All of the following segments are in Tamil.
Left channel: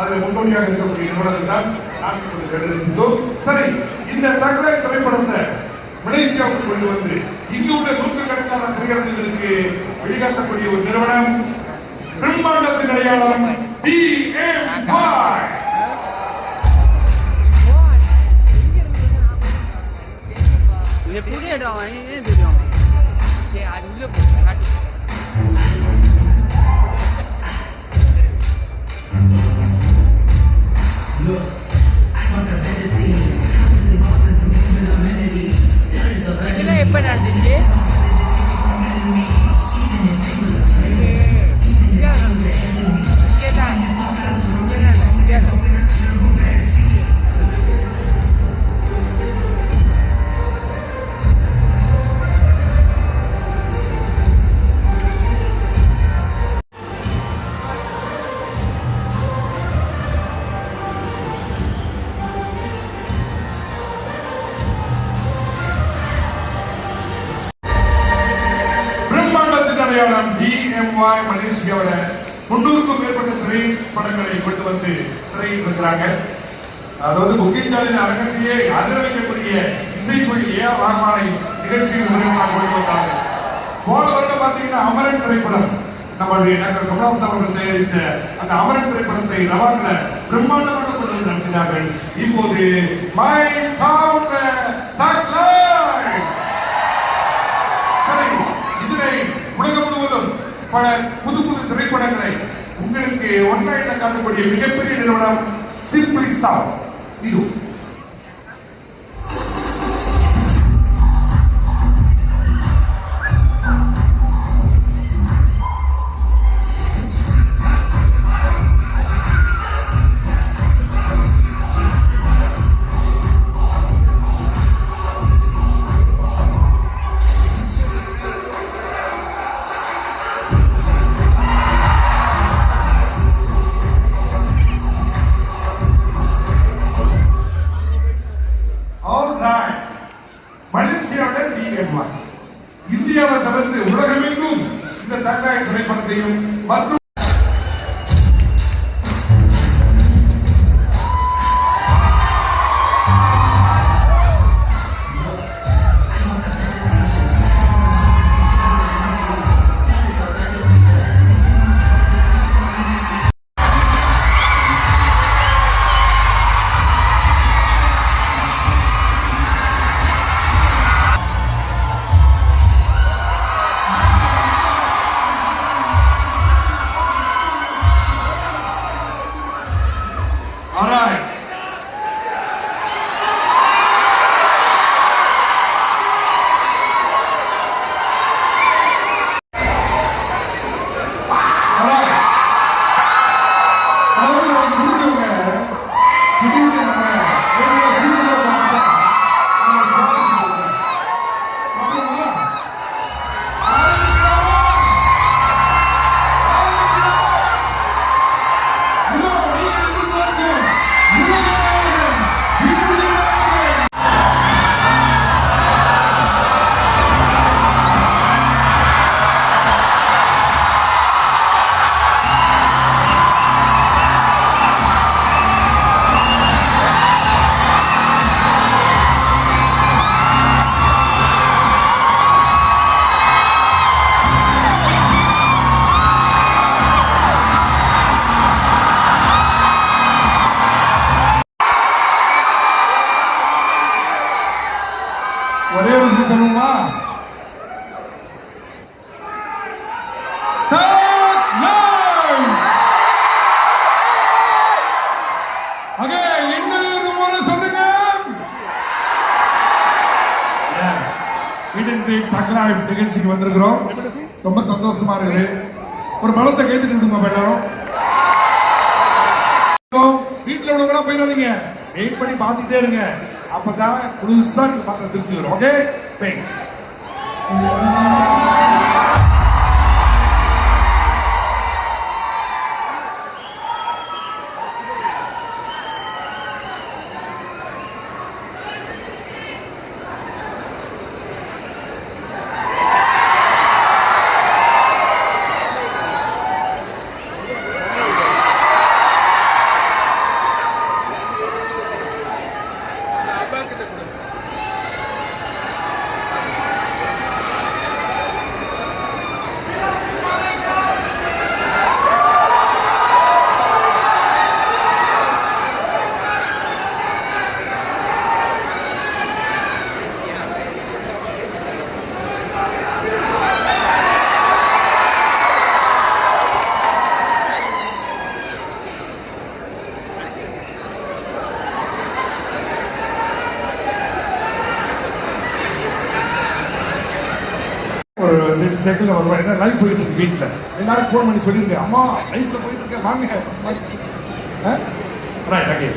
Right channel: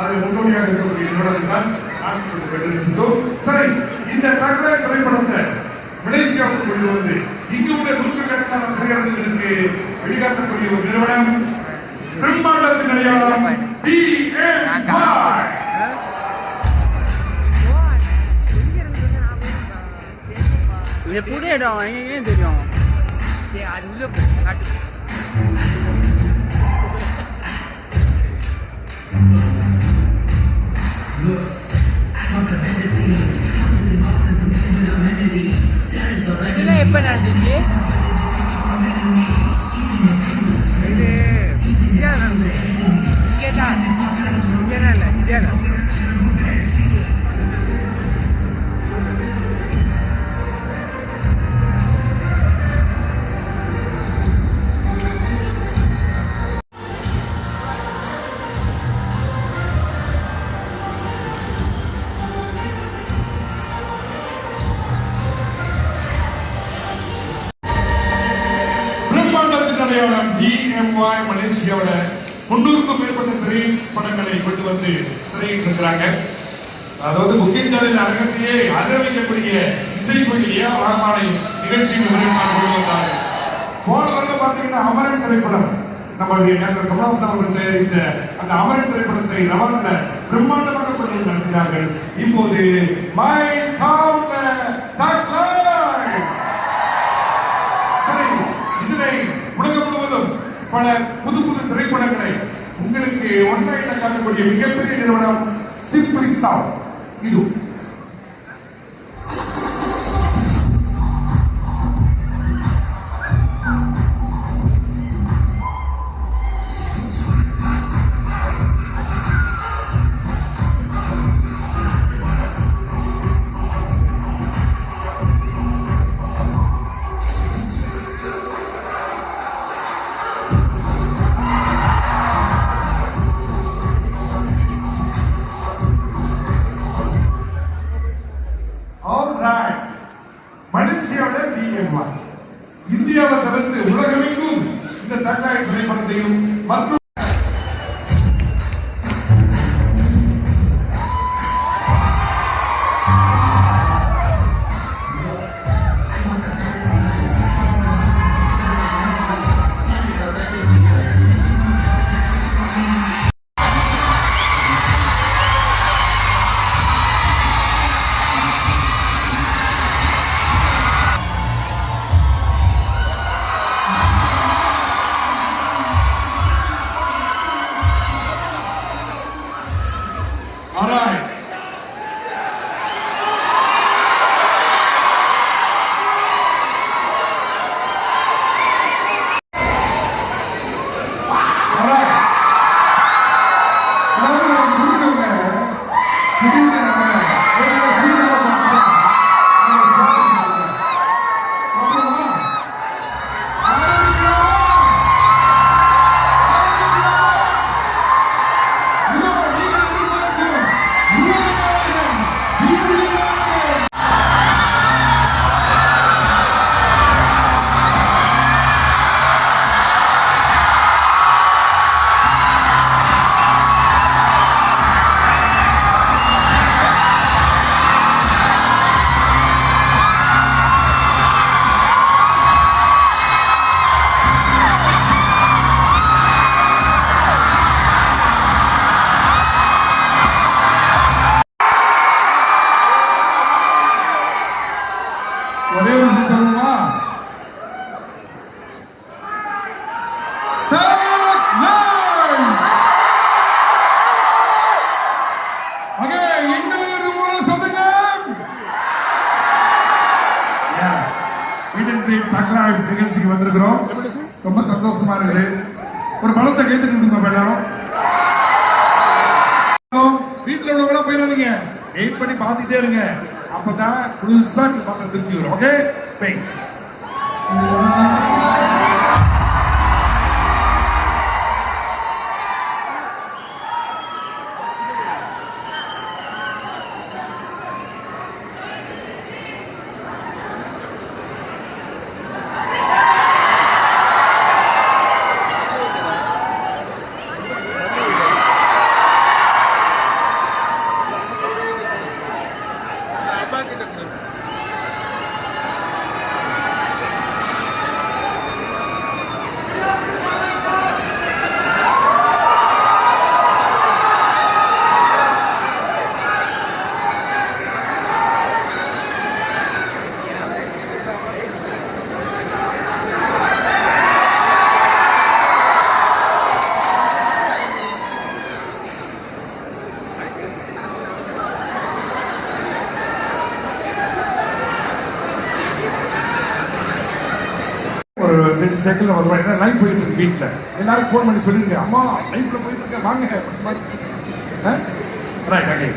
அதில் முன்னோடியாக இருக்கக்கூடிய நிறுவனத்தை தான் நாங்கள் கொண்டு கண்டுபிடித்தோம். சரி, இந்த தகவலை திரைப்படத்தை மலேசியாவுக்கு கொண்டு வந்து இங்கு உள்ள நூற்றுக்கணக்கான திரையரங்குகளுக்கு வெளிக்காட்டக்கூடிய ஒரு நிறுவனம் பிரம்மாண்டத்தின் அடையாளம் DMY. புதிய இடம் ஏன் தெரியும் அது உள்ள காட்டு. எப்ப நடந்துச்சு அடையாளம் DMY மலேசியாவோட 300க்கும் மேற்பட்ட திரைப்படங்களை கொண்டு வந்து திரையிட்டிருக்கிறாங்க. அதாவது முக்கியச்சாலையின் அரங்கத்தையே அதிரவைக்கக்கூடிய இசைக்குரிய வரமாலை நிகழ்ச்சியின் மூலமாக கொண்டு வந்தாங்க. போன வருடம் பார்த்தீங்கன்னா அமரன் திரைப்படம் நம்மளுடைய டாக்டர் கமலஹாசன் அவர்கள் தயாரித்த அந்த அமரன் திரைப்படத்தை ரவான்ல பிரம்மாண்டமாக கொண்டு வந்து நடத்தினார்கள். இப்போது மை டவுன் சரி, இதனை உலகம் முழுவதும் பல புது புது திரைப்படங்களை உங்களுக்கு ஒன்லைன்ல காட்டக்கூடிய மிகப்பெரிய நிறுவனம் சிம்பிளி சவுண்ட். இது மலேசியாவோட DMY இந்தியாவை தவிர்த்து உலகமெங்கும் இந்த தங்காய் திரைப்படத்தையும் மற்றும் ஒரே விஷயம் சொல்லுமா, இன்னொரு முறை சொல்லுங்க. நிகழ்ச்சிக்கு வந்திருக்கிறோம். ரொம்ப சந்தோஷமா இருக்கு. ஒரு பலத்தை கைத்துட்டு விடுங்க எல்லாரும். வீட்டுல உள்ளவங்க போயிடாதீங்க, வெயிட் பண்ணி பார்த்துட்டே இருங்க. அப்பதான் புதுசா நீங்க பார்க்க திருப்தி வரும். ஓகே, 2 செகண்ட்ல வருவான். ஏன்னா லைவ் போயிட்டு இருக்கு வீட்டுல. எல்லாரும் போன் பண்ணி சொல்லிருங்க, அம்மா லைவ்ல போயிட்டு இருக்க வாங்க. Right okay.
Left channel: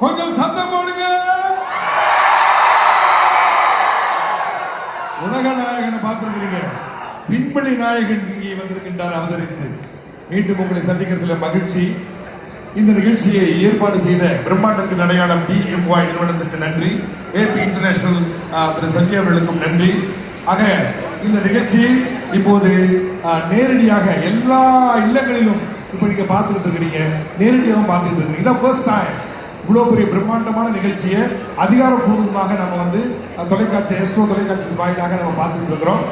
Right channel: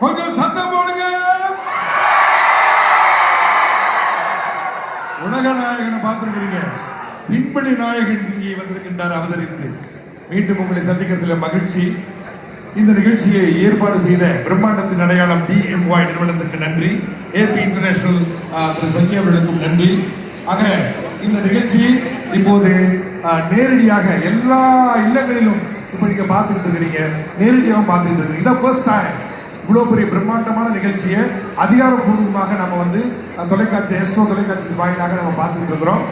கொஞ்சம் சத்தம் போடுங்க. உலக நாயகனை பார்த்திருக்கிறீங்க, பின்பணி நாயகன் இங்கே வந்திருக்கின்றார் அவதரித்து. மீண்டும் உங்களை சந்திக்கிறதுல மகிழ்ச்சி. இந்த நிகழ்ச்சியை ஏற்பாடு செய்த பிரம்மாண்டத்தின் அடையாளம் DMY நிறுவனத்துக்கு நன்றி. AP இன்டர்நேஷனல் திரு சஞ்சய் அவர்களுக்கும் நன்றி. ஆக இந்த நிகழ்ச்சி இப்போது நேரடியாக எல்லா இல்லங்களிலும் இப்ப நீங்க பார்த்துட்டு இருக்கிறீங்க, நேரடியாக பார்த்துட்டு இருக்கீங்க. இதான் ஃபர்ஸ்ட் டைம் இவ்வளவு பெரிய பிரம்மாண்டமான நிகழ்ச்சியை அதிகாரப்பூர்வமாக நம்ம தொலைக்காட்சி எஸ்ட்ரோ தொலைக்காட்சி வாயிலாக நம்ம பார்த்துட்டு இருக்கிறோம்.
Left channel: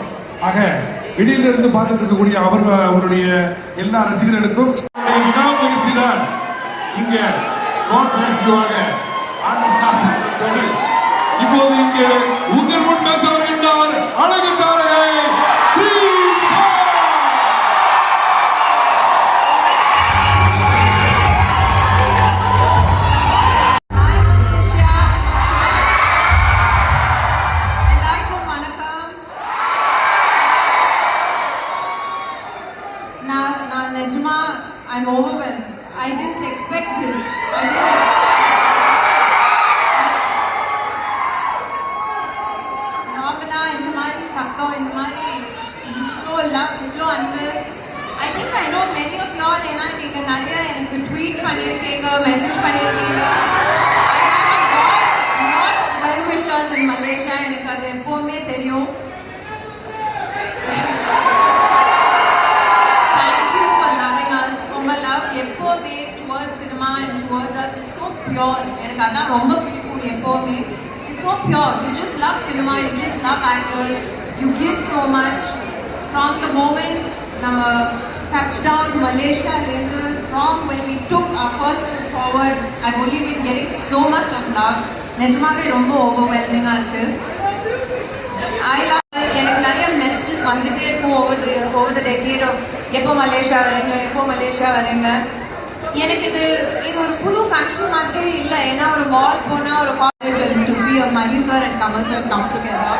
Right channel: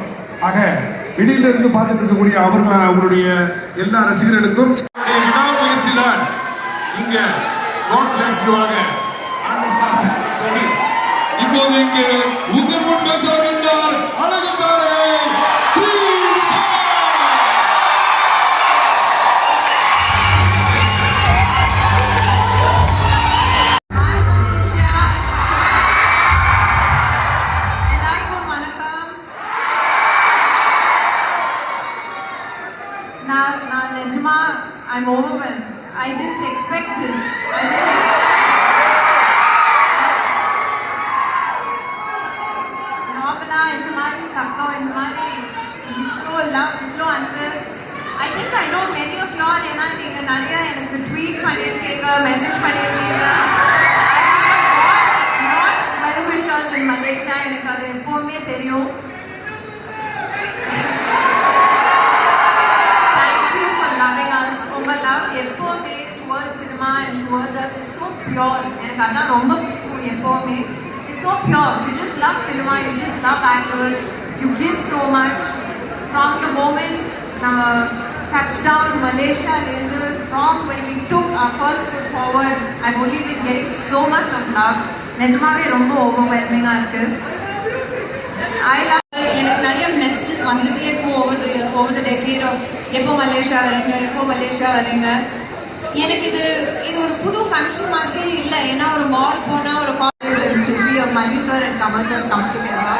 ஆக வெளியில இருந்து பார்த்துட்டு இருக்கக்கூடிய அவருடைய எல்லா ரசிகர்களுக்கும் விடாமுயற்சி தான் இங்க God bless you ஆக இப்போது இங்கே உங்கள் முன் பேச வருகின்றார் அழகு தாரகை த்ரிஷா. எல்லாருக்கும் வணக்கம். நான் நிஜமா I'm overwhelmed. I didn't expect this. நார்மலா இந்த மாதிரி சத்தம், இந்த மாதிரி இவ்வளோ லவ், இவ்வளோ அன்பு. I think I know many of y'all. ஏன்னா நீங்க நிறைய எனக்கு ட்வீட் பண்ணியிருக்கீங்க, மெசேஜ் பண்ணியிருக்கீங்க. I have a lot of well wishers in Malaysia. எனக்கு அது எப்பவுமே தெரியும். Thank you for loving us. உங்க லவ் எப்பவுமே towards cinema and towards us is so pure. எனக்கு அதான் ரொம்ப பிடிக்கும் எப்பவுமே. It's so pure. You just love cinema. You just love actors. You give so much. From the moment touchdown Malaysia, from when we took our first step forward, I've only been getting so much of love. நிஜமாவே ரொம்ப ஓவர்வெல்மிங்கா இருக்கு. I love. எனக்கு நிறைய மெசேஜஸ் வந்துட்டே இருக்கும் over the decade of எப்போ மலேசியா வரீங்க. எனக்கு இது ஒரு புது கண்ட்ரி மாதிரி இல்லை. ஏன்னா ஒரு மால் போனா ஒரு to see a Mani sir and Kamal sir come together.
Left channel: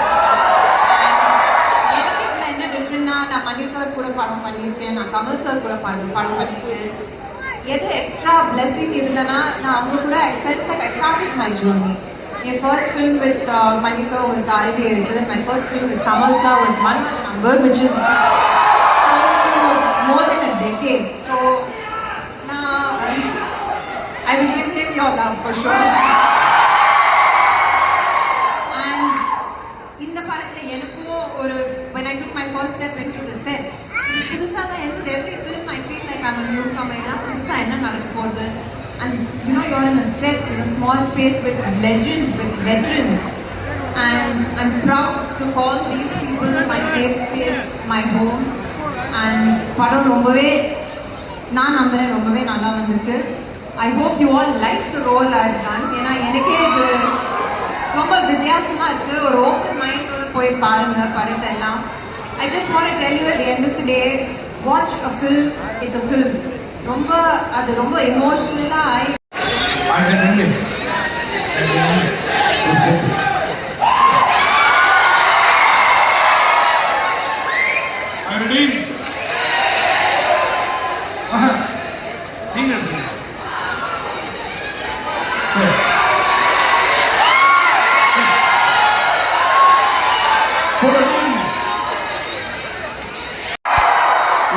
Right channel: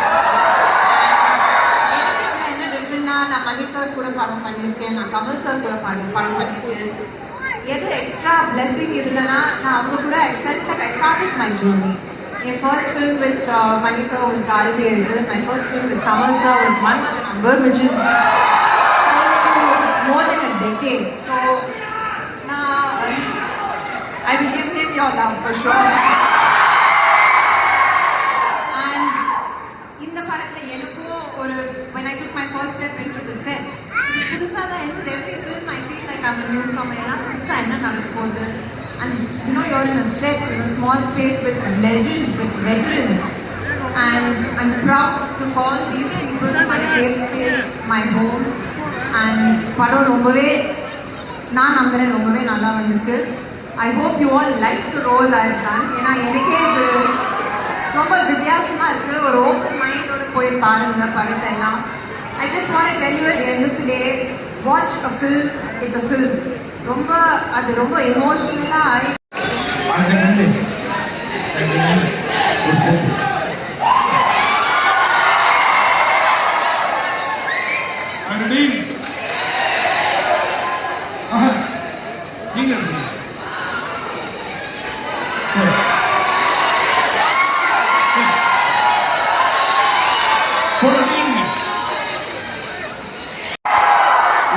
எனக்கு இதில் என்ன டிஃப்ரெண்ட்னா, நான் மணி சார் கூட படம் பண்ணியிருக்கேன், நான் கமல் சார் கூட படம் பண்ணியிருக்கேன். எது எக்ஸ்ட்ரா பிளெஸிங் இதுலனா, நான் அவங்க கூட I felt like I started my journey. My first film with Mani sir was Ivy Agent. My first film with Kamal sir was One with a Number, which is close to more than a decade. So now I will give him your love for sure. And in the படத்துல எனக்கும் when I took my first step into the set, புதுசா தான் இருந்தது. Every film I feel like I'm a newcomer. எல்லாம் புதுசா என்ன நடக்க போகுது. And you know, you're in a set, in a small space with legends, with veterans. And I'm proud to call these people my safe space, my home. And படம் ரொம்பவே நான் நம்புறேன் ரொம்பவே நல்லா வந்திருக்கு. I hope you all like the role I've done. ஏன்னா எனக்கே இது ரொம்ப வித்தியாசமா இருக்கு. ஒரு ஓப்பன் மைண்டோட போய் பாருங்க படத்தை எல்லாம். I just want to tell you at the end of the day, watch a film, it's a film. அது ரொம்ப எமோஷனலா ஆகி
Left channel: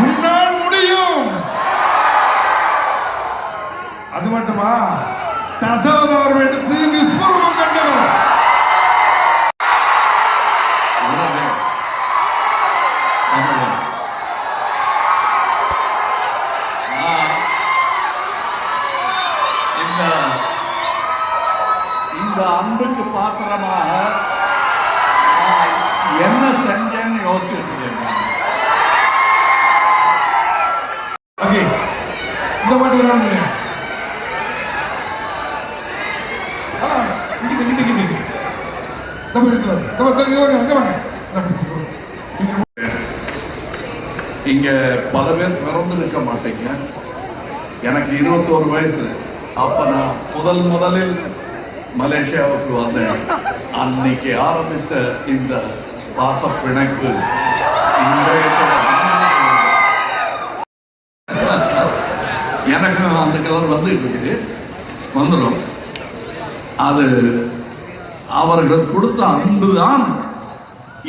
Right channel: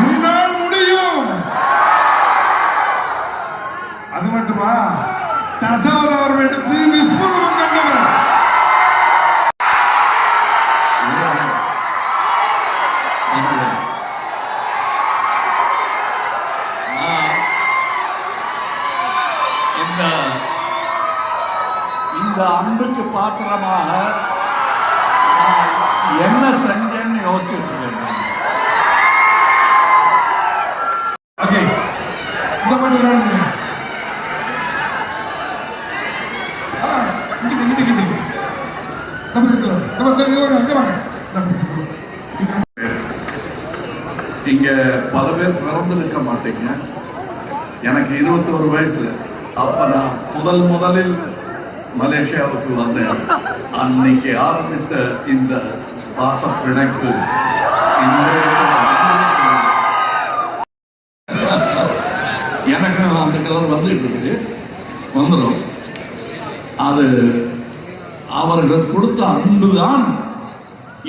உன்னால் முடியும். அது மட்டுமா, தசாவதாரம் எடுத்து விஸ்வரூபம் கண்டவர். இந்த அன்புக்கு பாத்திரமாக என்ன செஞ்சேன்னு யோசிச்சுட்டு இருக்கேன். ஓகே, இந்த மாதிரி அங்க வாங்க. இங்க பல பேர் பிறந்திருக்க மாட்டீங்க. எனக்கு 21 வயசு. அப்ப நான் முதலில் மலேசியாவுக்கு வந்தேன். அன்னைக்கு ஆரம்பித்த இந்த பாச பிணைப்பு எனக்கு அந்த கலர் வந்துட்டு இருக்குது, வந்துடும். அது அவர்கள் கொடுத்த அன்புதான்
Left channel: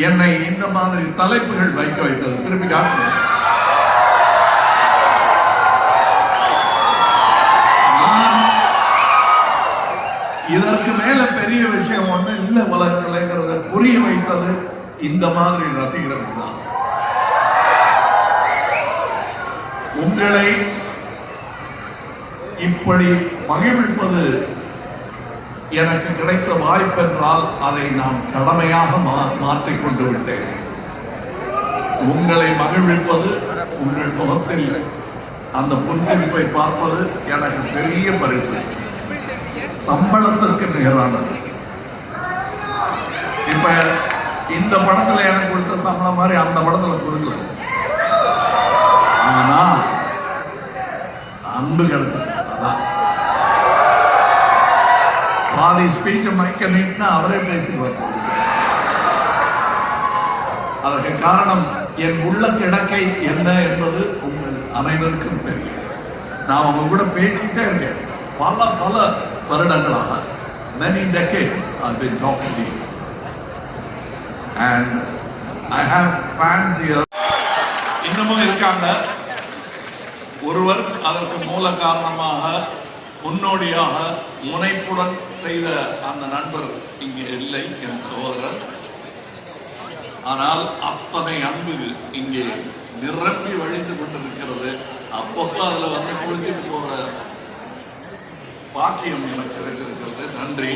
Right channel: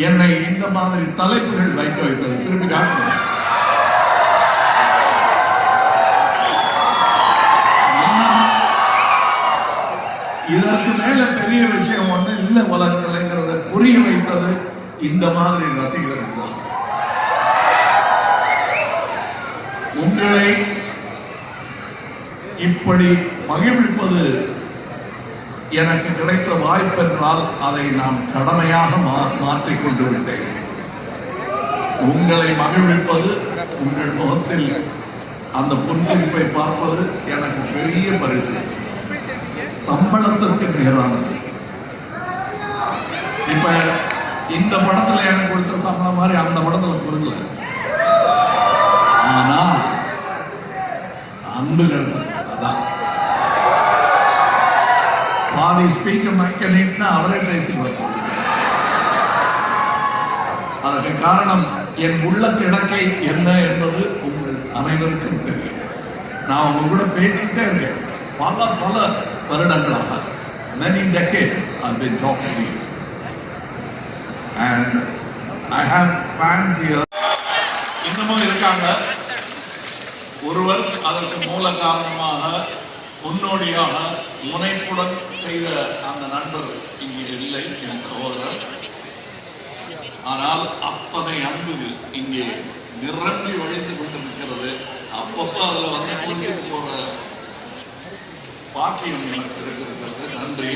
என்னை இந்த மாதிரி தலைப்புகள் வைக்க வைத்தது. திருப்பி காட்டுறேன். இதற்கு மேல பெரிய விஷயம் ஒண்ணு இல்ல உலகத்தில்ங்கிறத புரிய வைத்தது இந்த மாதிரி ரசிகர்கள் தான். உங்களை இப்படி மகிழ்விப்பது எனக்கு கிடைத்த வாய்ப்பென்றால் அதை நான் கடமையாக மாற்றிக் கொண்டு விட்டேன். உங்களை மகிழ்விப்பது, உங்கள் முகத்தில் அந்த புன்சிரிப்பை பார்ப்பது எனக்கு பெரிய பரிசு, சம்பளத்திற்கு நிகரானது. இப்ப இந்த படத்துல எனக்கு கொடுத்த சம்பளம் மாதிரி அந்த படத்துல கொடுக்கல, ஆனா அன்பு கிடைச்சது. அதான் பாதி ஸ்பீச் மைக்க நீட்னா அவரே பேசிடுவார். அதற்கு காரணம் என் உள்ள கிடக்கை என்ன என்பது உங்கள் அனைவருக்கும் தெரியும். நான் அவங்க கூட பேசிட்டே இருக்கேன் பல வருடங்களாக. many decades I've been talking to you and I have fans here. இன்னமும் இருக்காங்க. ஒருவர் அதற்கு மூல காரணமாக, முன்னோடியாக, முனைப்புடன் செய்த அந்த நண்பர் இங்கே இல்லை, என் சகோதரர். ஆனால் அத்தனை அன்பு இங்கே நிரம்பி வழிந்து கொண்டிருக்கிறது. அப்பப்போ அதுல வந்து குளிச்சுட்டு போற பாக்கியம் எனக்கு கிடைத்திருக்கிறது. நன்றி.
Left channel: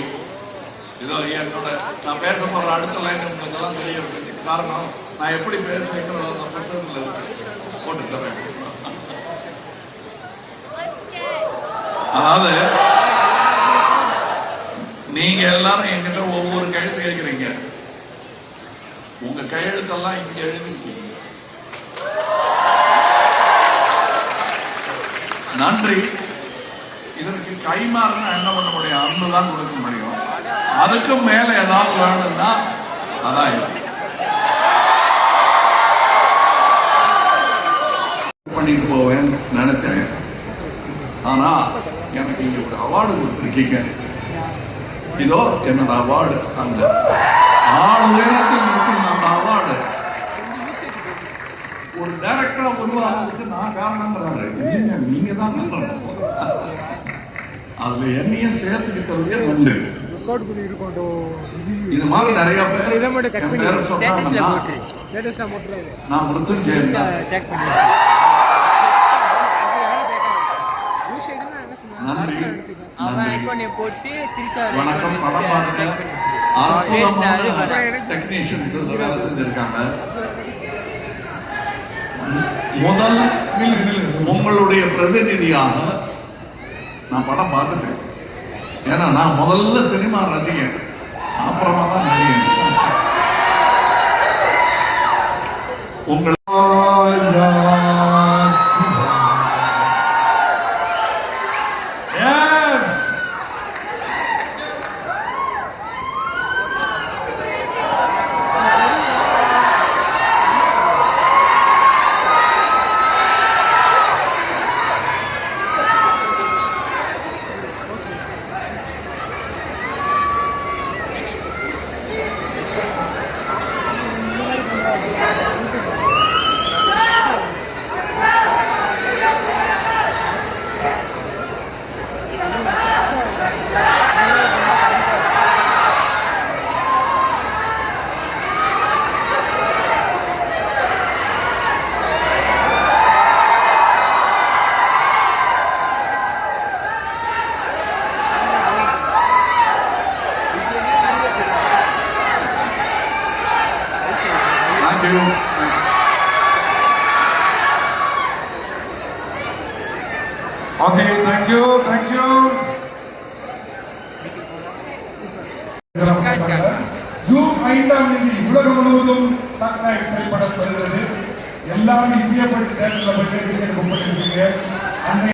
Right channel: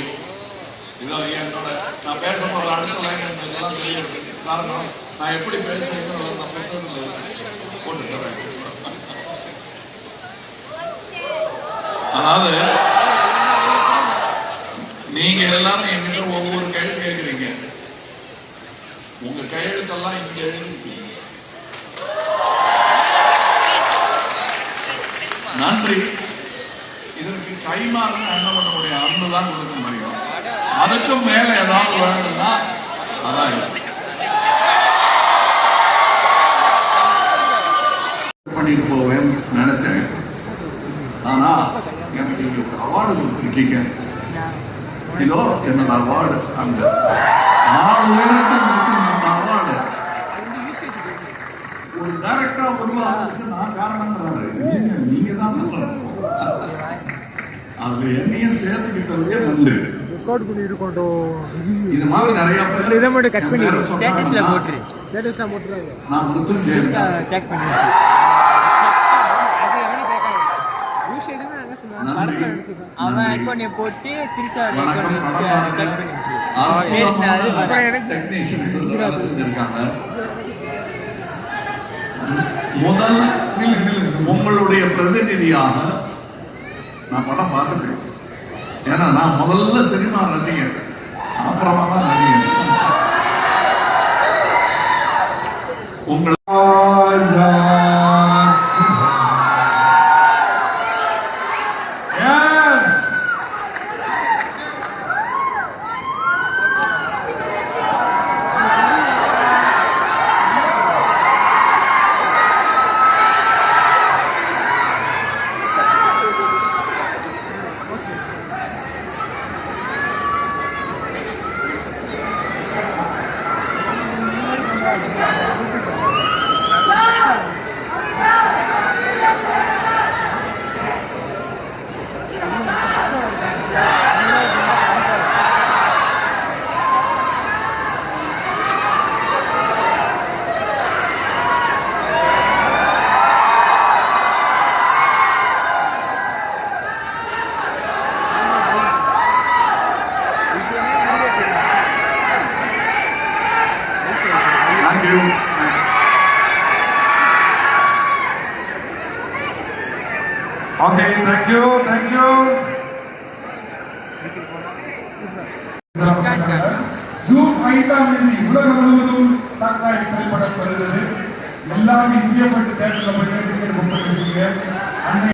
இதோ என்னோட நான் பேச போற அடுத்த லைன் உங்களுக்கு எல்லாம் தெரியாது. காரணம் நான் எப்படி பேசுறேங்கிறது அந்த புத்தகத்தில் இருக்கு, போட்டு தரேன். அதாவது நீங்க எல்லாரும் என்கிட்ட ஒவ்வொரு கையெழுத்து கேட்கிறீங்க. உங்க கையெழுத்தெல்லாம் இங்க எழுதி நன்றி. இதற்கு கைமாறுனா என்ன பண்ண முடியும்? அன்பு தான் கொடுக்க முடியும். அதுக்கும் மேல ஏதாவது வேணும்னா அதான் பண்ணிட்டு போவேன் நினைச்சேன். ஆனா எனக்கு இங்க ஒரு அவார்டு கொடுத்துருக்கீங்க. இதோ என்னோட அவார்டு. அங்க 6 உயரத்தில் இருக்கும் அந்த அவார்டு ஒரு டைரக்டரா உருவாகிறதுக்கு நான் காரணங்கிறாரு. நீங்க தான் அதுல என்னையும் சேர்த்துக்கிட்டதுக்கே நன்றி. இது மாதிரி நிறைய பேர் சொன்னாங்கன்னா நான் மிருத்யுஞ்சயன் நன்றி. வணக்கம். படம் பாருங்க. அற்புதமான டெக்னீஷியன்ஸ் வேலை செஞ்சிருக்காங்க. முதல் உங்களுடைய பிரதிநிதியாக நான் படம் பார்த்துட்டேன். ஏன்னா நான் முதல்ல சினிமா ரசிகன், அப்புறமா தான் நடிகன். உங்கள் Thank you. Okay, thank you. Zoom 5ஆம் தேதி உலகம் முழுவதும் டாக் லைஃப் திரைப்படம் வருகிறது. எல்லாரும் இந்தியா போயிட்டு தேட்டரில் போயிட்டு டிக்கெட் புக் பண்ணி வச்சுங்க.